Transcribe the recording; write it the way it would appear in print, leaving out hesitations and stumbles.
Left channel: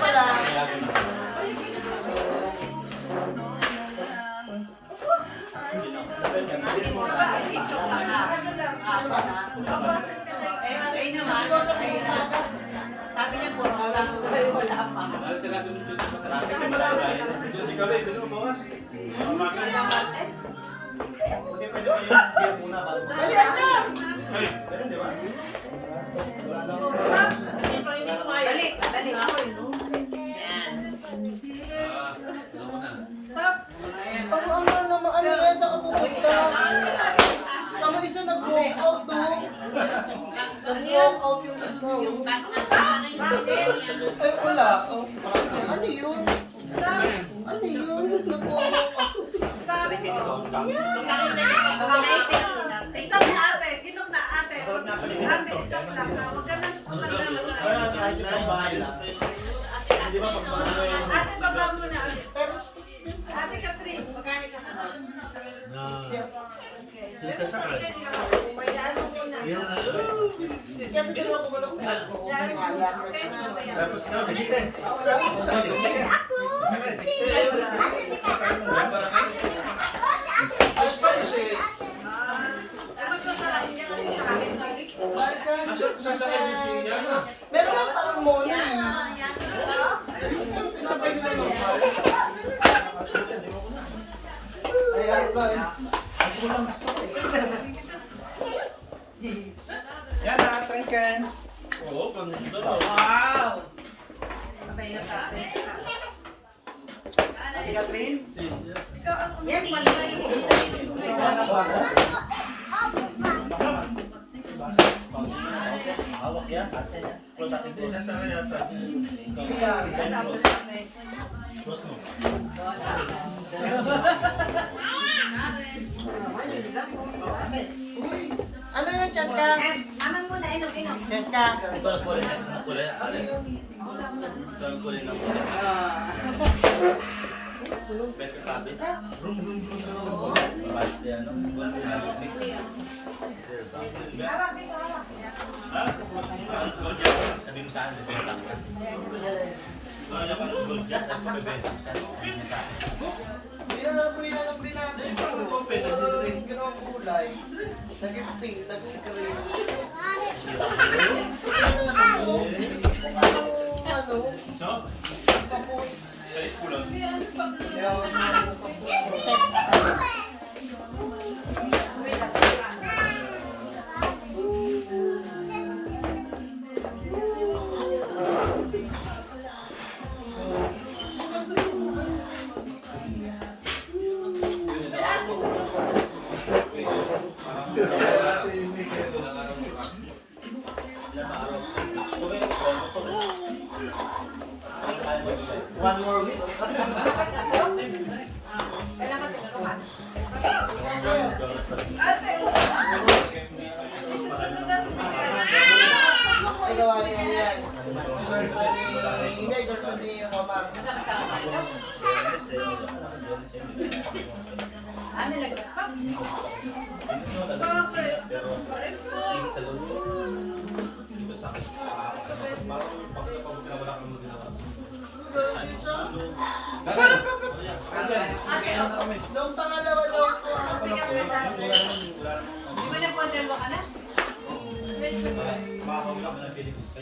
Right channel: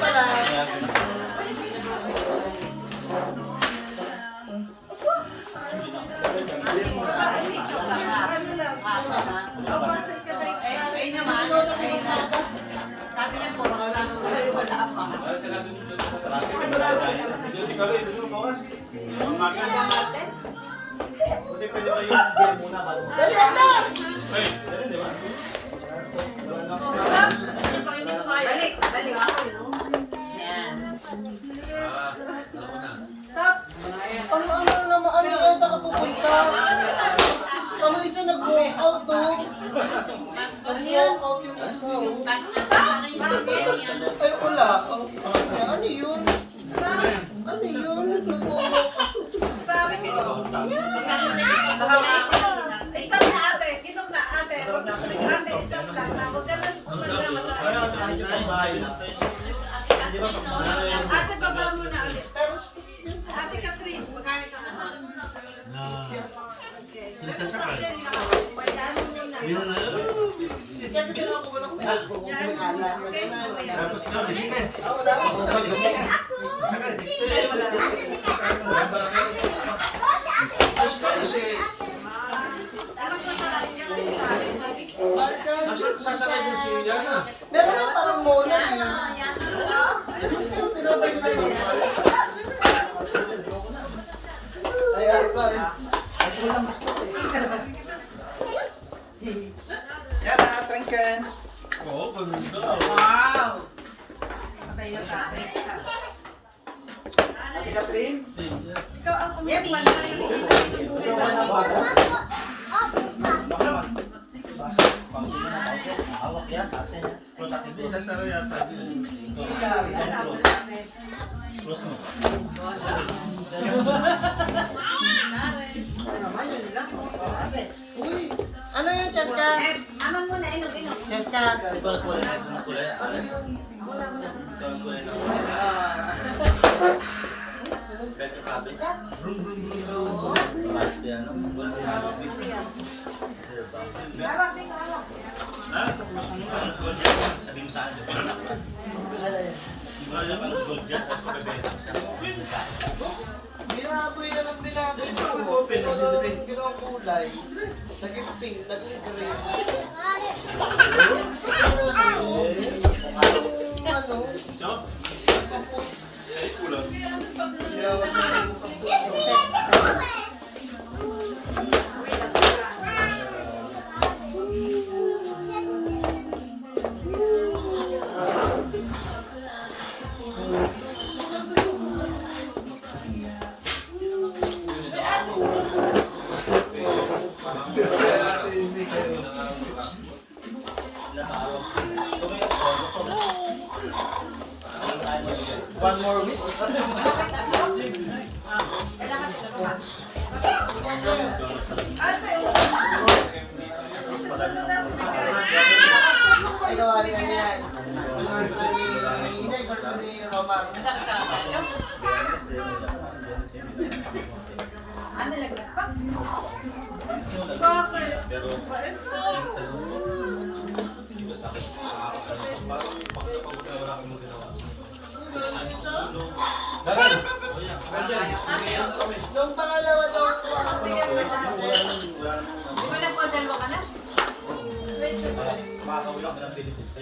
pala. Sabi niya puro wala pa. Pwede ba yung beer muna bago? Dali na! Dali, di ba? Dali, dali. Yan. Stop! Ano naman, ano yan sa kapupunta? Tama isa nag-walk out to. Nag-walk out yung isa. Ay, wala. Ang sakit niya. Ano yun? Stop! Ano yun? Nag-walk out. Stop! Baka may Stop na ate! Kinok na ate! Ate, stop lang na. Huwag ka nang Ate, baba muna ulit. Pero, Ate Catherine. Sinasasakal. Ano muna. kasi dalawa ko wala kung pinag-ala. Okay, mamaya. Tapos ikaw, next time. Wala ko. Sakal, next time. Sasakay din si Yama. Meron lang parang mona eh. Pinapay sa iyo. Ayan ba eh. Yan na, tangkan. Oo, ganda. Wow! Ate Catherine? Ikaw ang umiyak na yung kita yung buhay namin. Hawak yan, ate na. Sasakay yata. Close mo. Uy, ano yun, Cheska? Aman muna, inom. Cheska. Ikaw na kulay. Ano kulay? Ikaw na kulay ng kulay. Better copy. Brum, brum, brum, brum. Basta yan, no? Mix. Ha? Gold yan. Sabi mo sa akin, bebenta ko. Gold yan, gold yan. At bebenta ko siya. Bibenta sa akin. Binaboy na lang binaboy ko. Open, nagdidrink. Ginawang kulay. Naging pink, naging green. Ano? So? Kaput. Ay, kulang. Yawas na yung kaput. One more week. Ate, Ay, gawa niya yan. Girlfriend ni... Hindi, girlfriend ni Romar. Ano lagay? bakit? Nung pangalawa daw ko, Bigyan mo na ate. Di ba na po dalawa ka na? Medyo. Makakawin ako ng Philippines.